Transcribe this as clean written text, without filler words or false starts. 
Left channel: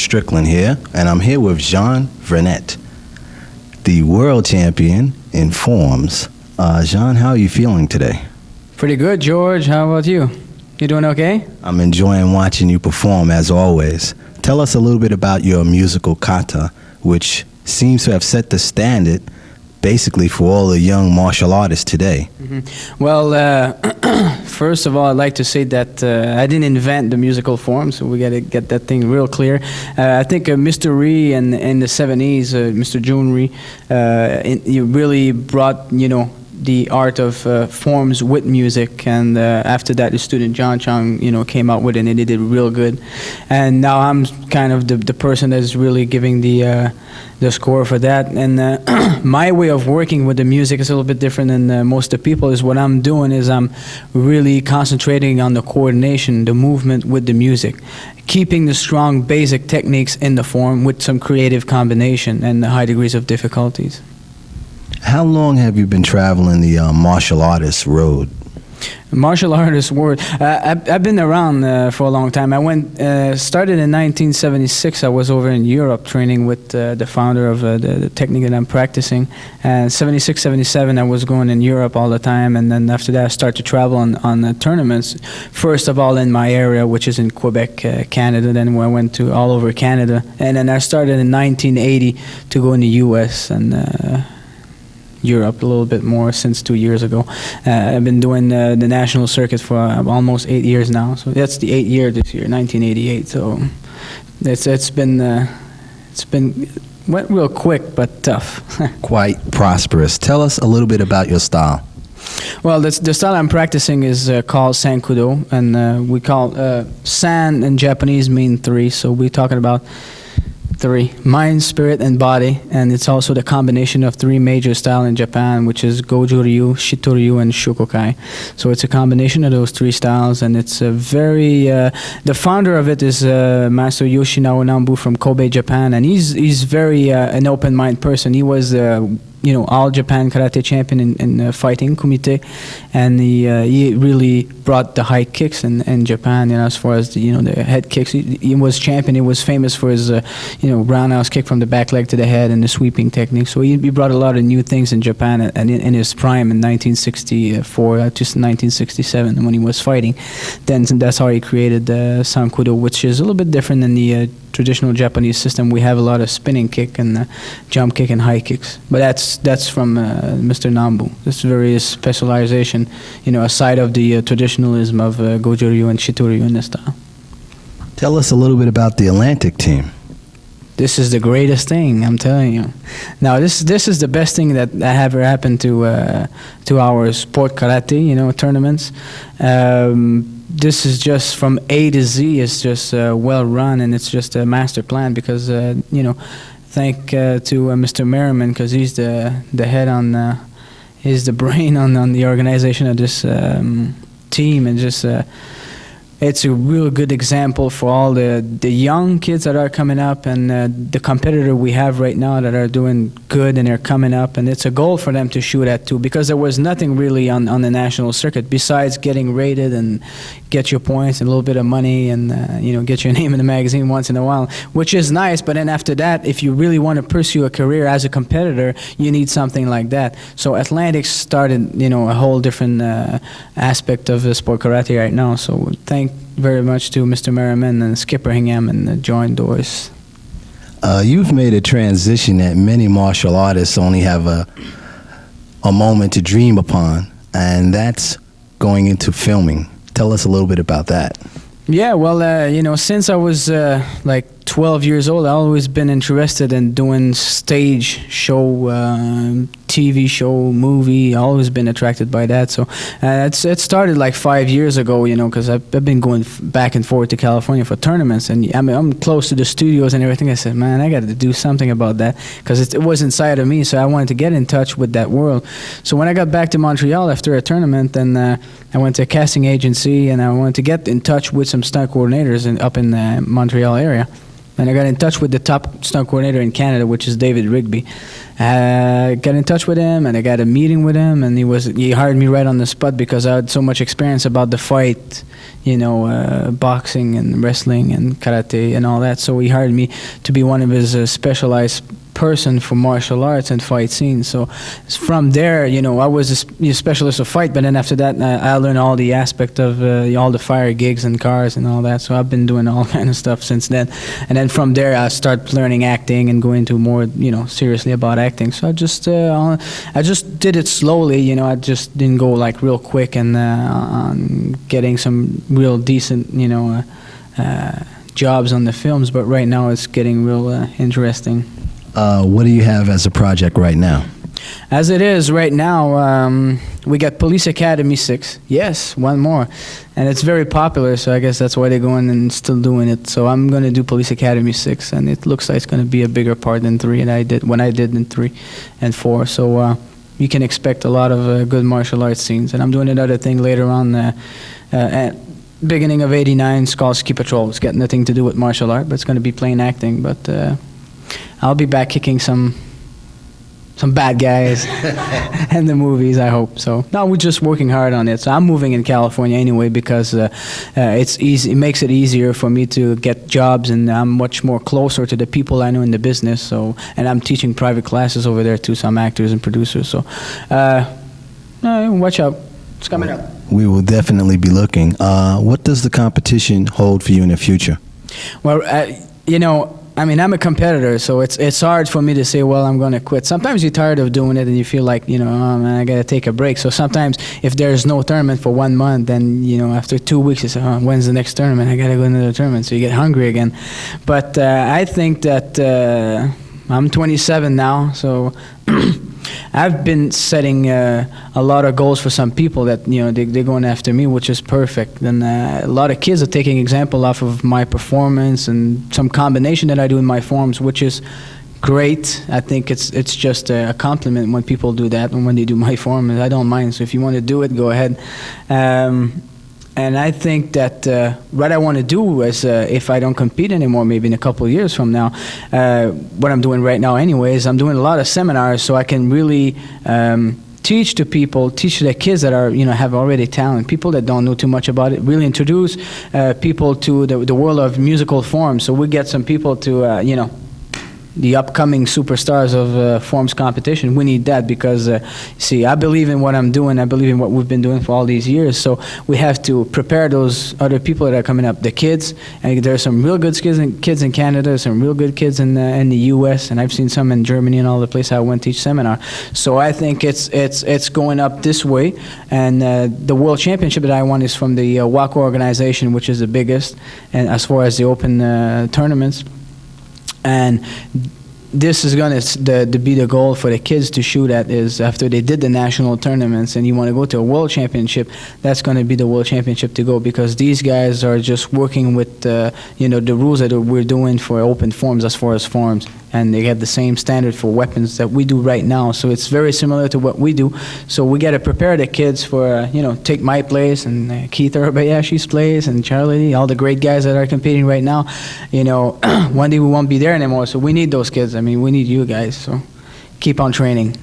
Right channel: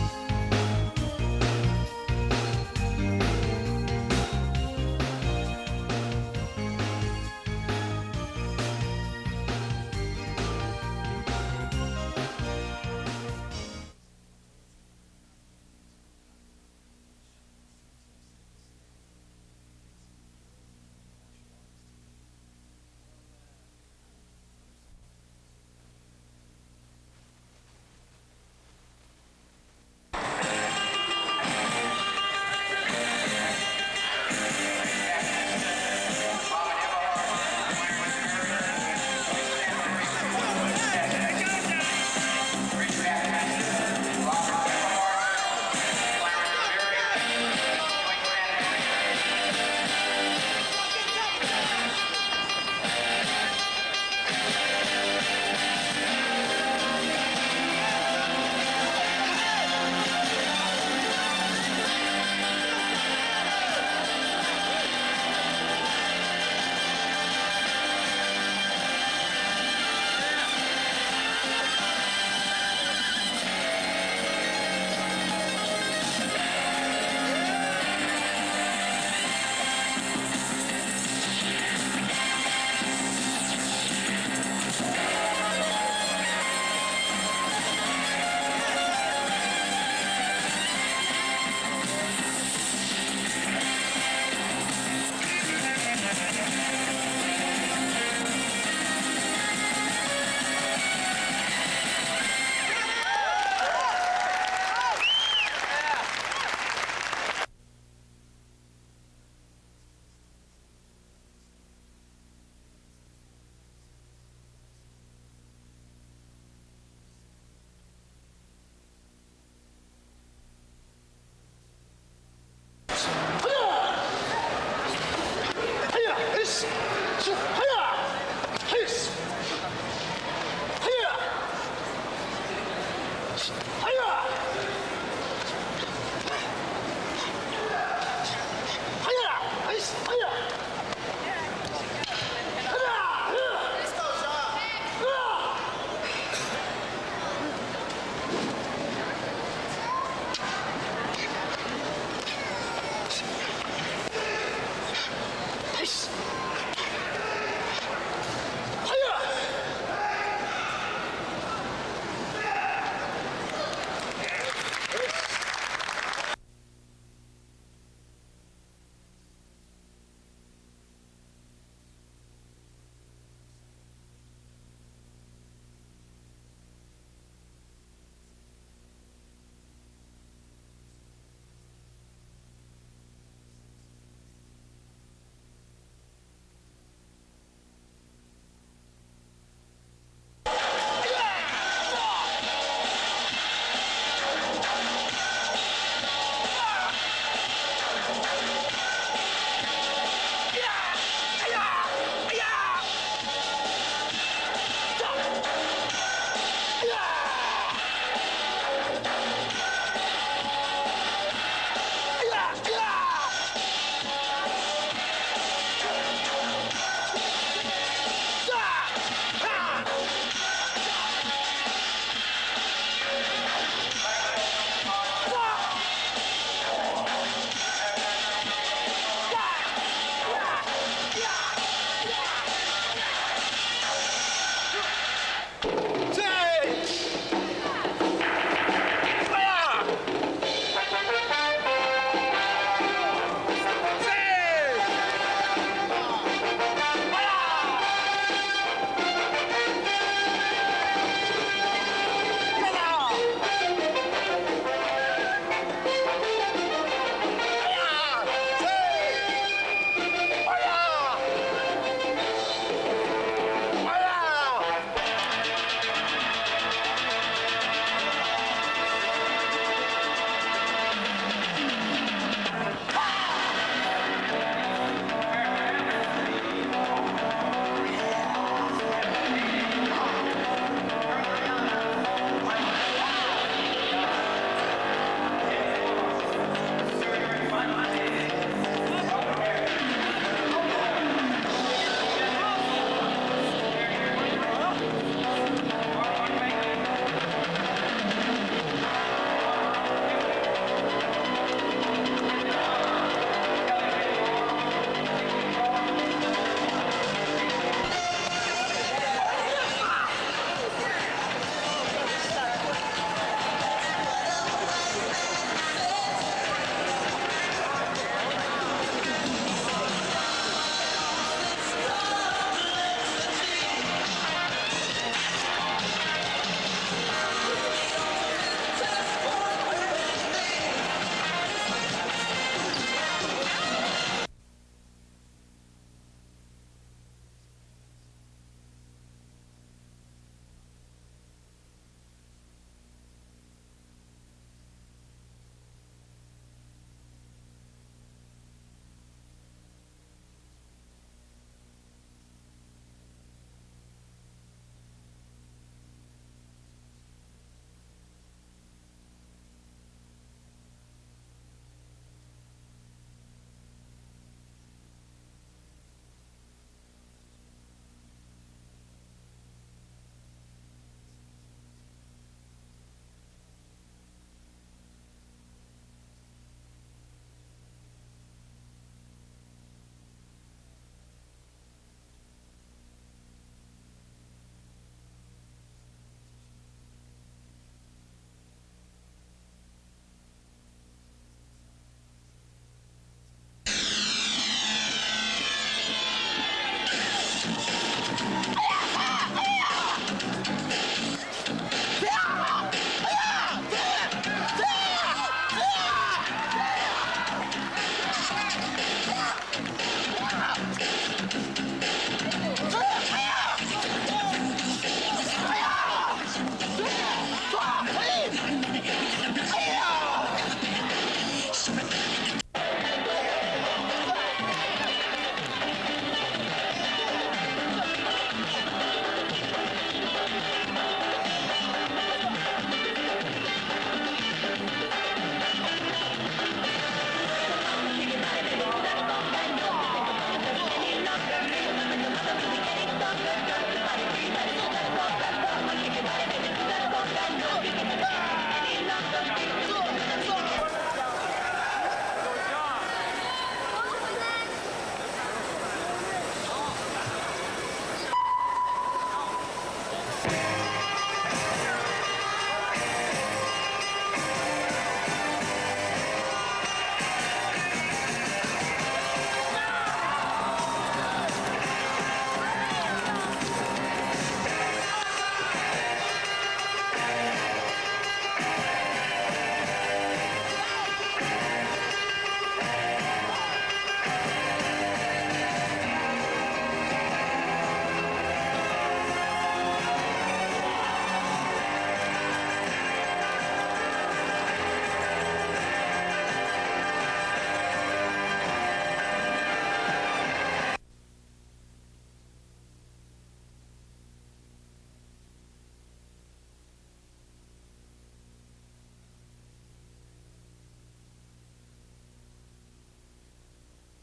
Strickland here, and I'm here with Jean Frenette, the world champion in forms. Jean, how are you feeling today? Pretty good, George. How about you? You doing okay? I'm enjoying watching you perform, as always. Tell us a little bit about your musical kata, which seems to have set the standard basically for all the young martial artists today. Mm-hmm. Well, first of all, I'd like to say that I didn't invent the musical form, so we got to get that thing real clear. I think Mr. Ree in the 70s, Mr. Jun Ree, he really brought, the art of forms with music, and after that the student John Chang came out with it, and he did real good. And now I'm kind of the person that's really giving the score for that. And my way of working with the music is a little bit different than most of the people. Is what I'm doing is I'm really concentrating on the coordination, the movement with the music, keeping the strong basic techniques in the form with some creative combination and high degrees of difficulties. How long have you been traveling the martial artist road? Martial artist world. I've been around for a long time. I started in 1976. I was over in Europe training with the founder of the technique that I'm practicing. And 76, 77, I was going in Europe all the time. And then after that, I started to travel on tournaments. First of all in my area, which is in Quebec, Canada. Then I went to all over Canada. And then I started in 1980 to go in the U.S. and Europe a little bit more since 2 years ago. I've been doing the national circuit for almost 8 years now. So that's the 8th year this year, 1988. So it's been went real quick but tough. Quite prosperous. Tell us a little bit about your style. Well, the style I'm practicing is called Sanudo, and we call San in Japanese mean 3, so we're talking about 3: mind, spirit, and body. And it's also the combination of 3 major styles in Japan, which is Goju-ryu, Shito-ryu, and Shokokai. So it's a combination of those 3 styles, and it's a very the founder of it is Master Yoshinao Nambu from Kobe, Japan, and he's very an open-minded person. He was all Japan karate champion in fighting kumite, and he really brought the high kicks in Japan. As far as the head kicks, he was champion. He was famous for his roundhouse kick from the back leg to the head and the sweeping technique. So he brought a lot of new things in Japan, and in his prime in 1964 to 1967 when he was fighting. Then that's how he created Sankudo, which is a little bit different than the traditional Japanese system. We have a lot of spinning kick and jump kick and high kicks, but that's from Mr. Nambu. This very specialization, aside of the traditionalism of Goju-ryu and Shito-ryu in this style. Tell us a little bit about the Atlantic team. This is the greatest thing, I'm telling you. Now, this is the best thing that ever happened to our sport karate, tournaments. This is just from A to Z. It's just well run, and it's just a master plan because, thank to Mr. Merriman, because he's the head on, he's the brain on the organization of this team, and just. It's a real good example for all the young kids that are coming up, and the competitor we have right now that are doing good and they're coming up, and it's a goal for them to shoot at too, because there was nothing really on the national circuit besides getting rated and get your points and a little bit of money and get your name in the magazine once in a while, which is nice. But then after that, if you really want to pursue a career as a competitor, you need something like that. So Atlantic started a whole different aspect of the sport karate right now. So thank very much to Mr. Merriman and Skipper Hingham and John Doris. You've made a transition that many martial artists only have a moment to dream upon, and that's going into filming. Tell us a little bit about that. Yeah, well, since I was like 12 years old, I've always been interested in doing stage show, TV show, movie. I've always been attracted by that. So it started like 5 years ago, because I've been going back and forth to California for tournaments, and I'm close to the studios and everything. I said, man, I got to do something about that, because it was inside of me. So I wanted to get in touch with that world. So when I got back to Montreal after a tournament, then I went to a casting agency, and I wanted to get in touch with some stunt coordinators up in the Montreal area. And I got in touch with the top stunt coordinator in Canada, which is David Rigby. I got in touch with him, and I got a meeting with him, and he hired me right on the spot because I had so much experience about the fight boxing and wrestling and karate and all that. So he hired me to be one of his specialized person for martial arts and fight scenes. So from there, I was a specialist of fight, but then after that, I learned all the aspect of all the fire gigs and cars and all that. So I've been doing all kind of stuff since then. And then from there, I started learning acting and going to more, seriously about acting. So I just did it slowly. I just didn't go like real quick and getting some real decent, jobs on the films. But right now, it's getting real interesting. What do you have as a project right now? As it is right now, we got Police Academy 6. Yes, one more. And it's very popular, so I guess that's why they're going and still doing it. So I'm going to do Police Academy 6, and it looks like it's going to be a bigger part than 3, and I did in 3 and 4. So you can expect a lot of good martial arts scenes. And I'm doing another thing later on at beginning of '89. It's called Ski Patrol. It's got nothing to do with martial art, but it's going to be plain acting. But I'll be back kicking some bad guys in the movies, I hope. So no, we're just working hard on it. So I'm moving in California anyway because it's easy. It makes it easier for me to get jobs, and I'm much more closer to the people I know in the business. So, and I'm teaching private classes over there to some actors and producers. So watch out. It's coming up. We will definitely be looking. What does the competition hold for you in the future? Well, I'm a competitor, so it's hard for me to say, well, I'm going to quit. Sometimes you're tired of doing it and you feel like, oh man, I got to take a break. So sometimes if there's no tournament for 1 month, then, after 2 weeks, you say, oh, when's the next tournament? I got to go into the tournament. So you get hungry again. But I think that I'm 27 now, so I've been setting a lot of goals for some people that they're going after me, which is perfect. And a lot of kids are taking example off of my performance and some combination that I do in my forms, which is great. I think it's just a compliment when people do that and when they do my forms. I don't mind. So if you want to do it, go ahead. And I think that what I want to do is, if I don't compete anymore, maybe in a couple of years from now, what I'm doing right now anyways, I'm doing a lot of seminars so I can really teach to the kids that are, have already talent, people that don't know too much about it, really introduce people to the world of musical forms. So we get some people to, the upcoming superstars of forms competition. We need that because, I believe in what I'm doing. I believe in what we've been doing for all these years. So we have to prepare those other people that are coming up, the kids. I think there are some real good kids in Canada. There's some real good kids in the U.S. and I've seen some in Germany and all the places I went to each seminar. So I think it's going up this way. And the World Championship that I won is from the WACO organization, which is the biggest, and as far as the open tournaments. And this is going to be the goal for the kids to shoot at, is after they did the national tournaments and you want to go to a world championship, that's going to be the world championship to go, because these guys are just working with the rules that we're doing for open forms as far as forms, and they have the same standard for weapons that we do right now. So it's very similar to what we do. So we got to prepare the kids for, take my place and Keith Urabayashi's place and Charlie, all the great guys that are competing right now. One day we won't be there anymore. So we need those kids. I mean, we need you guys. So keep on training.